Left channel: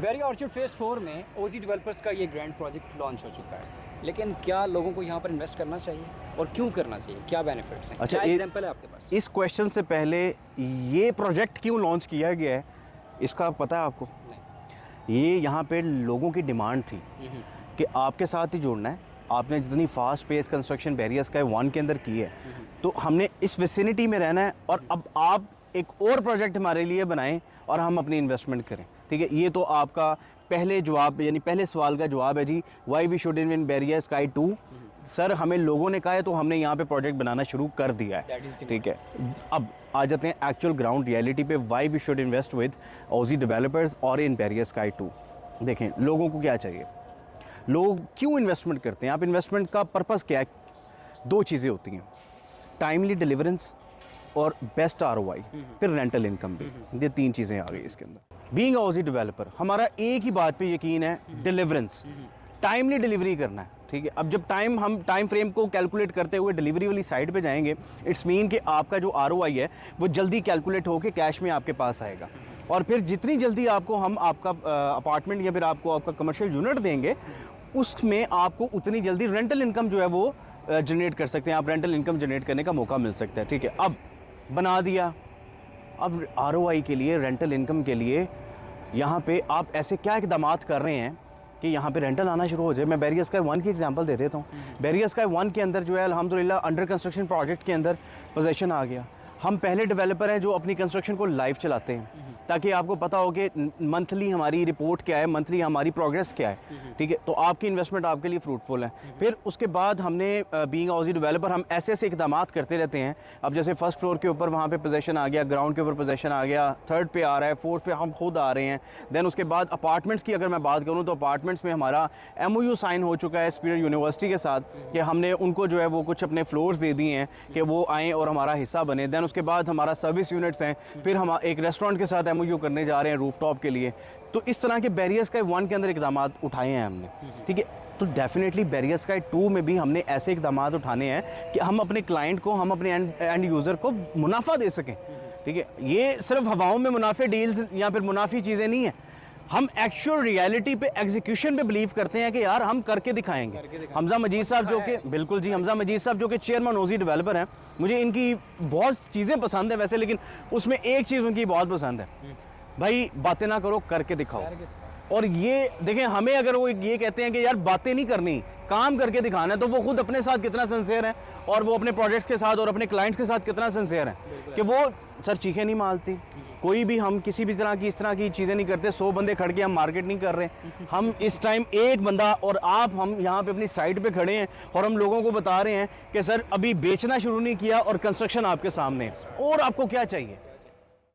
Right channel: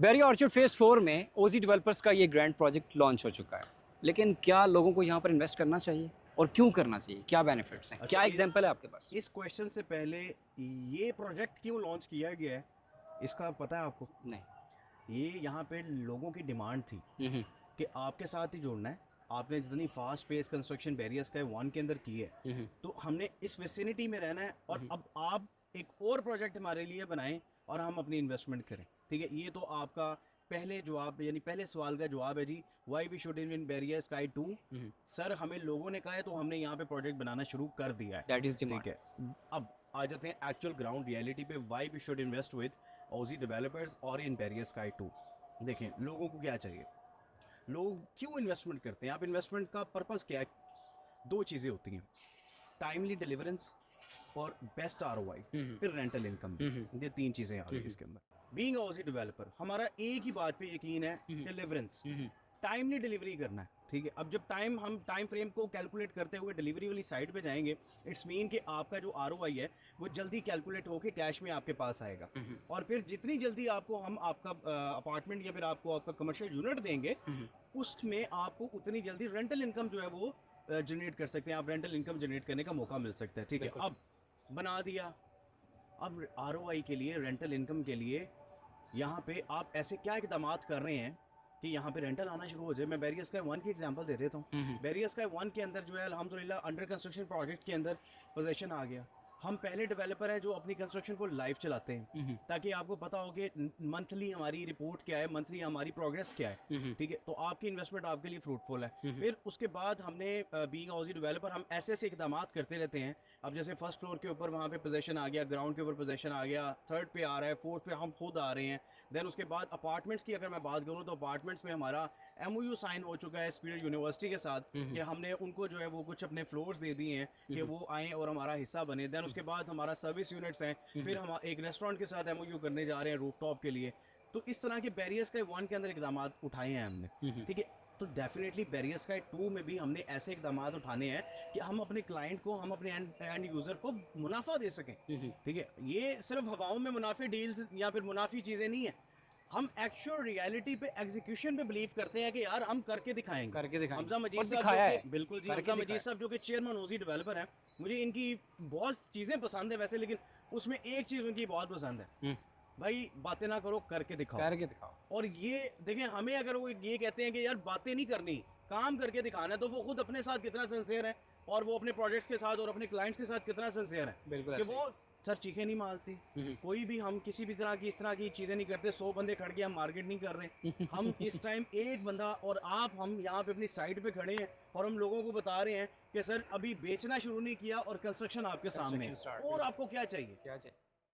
Berry orchard phase 4 में ओजी developers का ये ग्रैंड प्रोजेक्ट लॉन्च हो चुका है, लेकिन क्या लोगों को यहाँ पर इन्वेस्ट करना चाहिए और क्यों करना चाहिए, क्या बेनिफिट्स हैं? अच्छा, क्या एग्जांपल है आपके पास? इस क्वेश्चन से पहले ये प्रोजेक्ट क्यों लॉन्च किया गया है इसका पता है आपको? नहीं। ये यहाँ पे लोगों की डिमांड थी कि आपके साथ ही जुड़ना है। आपने जितनी fast pace construction barrier sky 1 के अंदर की है, तो हमने इस विसिनिटी में रहना है और अब आप एक और प्रोजेक्ट हमारे लिए बनाएं और हम अपनी इन्वेस्टमेंट करें। ठीक है, ये तो आपका पहले जवाब यानी पहले सवाल का जवाब है जी, why we should invest barrier sky 2। Sir हमें लोगों ने कहा है तो हमने यहाँ पे प्रोजेक्ट बनाना शुरू कर दिया है। ठीक है, अब आ जाते हैं एक्चुअल ग्राउंड रियलिटी पे, why we should invest with OG developers और इन बैरियर स्काई 2। देखें लोगों को क्या चाहिए, लोग क्यों इन्वेस्टमेंट करते हैं। आप इन्वेस्टमेंट का पर्पस क्या है? 2 चीज़ें होती हैं, टाइमली डिलीवरेंस और बेस्ट ROI, फिर रेंटल इनकम भी। ये 3 चीज़ें आ गई इसके अंदर। बीइंग अ ओजी डेवलपर हमारा एक ही बात पे यकीन है, डिलीवरेंस, टाइमली डिलीवरी करना है। ठीक है, अब जब हम टाइम फ्रेम को कैलकुलेट करते हुए डिलीवरी वाली साइड पे जाएंगे, इट्स मीन कि आपका जो ROI है वो जल्दी कैलकुलेट होकर कैश में आपके पास आएगा। और फिर जितनी जल्दी आपको हम आपका अपार्टमेंट या फिर आपको आपका कमर्शियल यूनिट देंगे, उसमें आपको उतनी जल्दी रेंटल इनकम जो है वो जनरेट कर सकते हैं। आप रेंटल इनकम जनरेट करने का मौका मिल सकता है। ठीक है, अब बना दिया, अब ROI के लिए, रेंटल इनकम के लिए यहाँ पे आप ऐसे क्या इकदाम कर रहे हैं कि यहाँ पे रेंटल आना शुरू हो जाए। मैं बैरियर स्काई 1 की एग्जांपल दे देता हूँ। बैरियर स्काई 1 के अंदर जो है अल्हम्दुलिल्लाह अंडर कंस्ट्रक्शन प्रोजेक्ट के अंदर पोजेसन आ गया। हम पहले डेवलपर हैं जो अपनी कंस्ट्रक्शन को लाइव चलाते हैं, ताकि आपको पता हो कि मंथली हमारी रिपोर्ट क्या है, मंथली हमारी प्रोग्रेस क्या है। ठीक है, तो आपकी इन्वेस्टमेंट आपके लिए फ्रूटफुल है। फिर उसके बाद हमने बीइंग ओजी डेवलपर हम ऐसे ऐसे इकदाम करते रहते हैं। अब जैसे फर्स्ट फ्लोर के ऊपर वहाँ पे पोजेसन आ गया, ग्राउंड के ऊपर पोजेसन आ गया, 3rd पे आ रहा है, 4th पे हम खुद आ रहे हैं। देन उसके बाद अपार्टमेंट्स की अगर मैं बात करूँ तो अपार्टमेंट्स में हमारा MOU साइन हो चुका है स्पीयर यूनिवर्सिटी के साथ कि हमने उनको जो है वो कुछ अपने फ्लोर्स दे दिए हैं कि वो आएँ और हमारा हिस्सा बने। देन उसके बाद हमारा सर्विस यूनिट्स हैं, फिर हम एक रेस्टोरेंट के साथ MOU करने जा रहे हैं रूफटॉप के लिए। तो इस तरह के बैरियर स्काई 1 के अंदर इकदाम उठाए हैं हमने। ठीक है, तो डेफिनेटली बैरियर स्काई 2 में भी हमने ऐसे इकदाम उठाने हैं कि हम अपने क्लाइंट को, हम अपने एंड यूज़र को मुनाफा दे सकें। ठीक है, ये सिर्फ हवाओं में मुनाफे डील्स या फिर मुनाफी चीज़ें नहीं हैं। हम एक्चुअल रियलिटी पे, एग्जीक्यूशन पे बिलीव करते हैं कि यार हम करके दिखाएंगे। हमजा मजीद साहब जो कि, बिल्कुल जी, हमजा मजीद साहब जो कि चेयरमैन ओजी डेवलपर हैं, मुझे इनकी बहुत चीज़ें पसंद है वैसे, लेकिन उसमें एक चीज़ उनकी बहुत पसंद है, भाई बातें ना करो, करके दिखाओ। और ये देखें, हमें अगर वो ये कहते हैं कि यार बातें नहीं करनी, काम करके दिखाना है, तो वो खुद अपने साथ कितना सिंसियर है और वो अपने प्रोजेक्ट्स के साथ और अपने क्लाइंट्स के साथ कितना सिंसियर है कि वो सर चीखें नहीं मारती। कोई भी हम किसी भी तरह की इस तरह की चीज़ें नहीं करते। 100 बंदे खड़ के हम मार्केट नहीं कर रहे। हम इस टाइम एक बंदा और आप, हम यहाँ पे अपनी साइट पे खड़े हैं और हम लोगों को बता रहे हैं कि सर अभी बेचना शुरू नहीं किया और कंस्ट्रक्शन आपके सामने है, और आपको क्या चाहिए।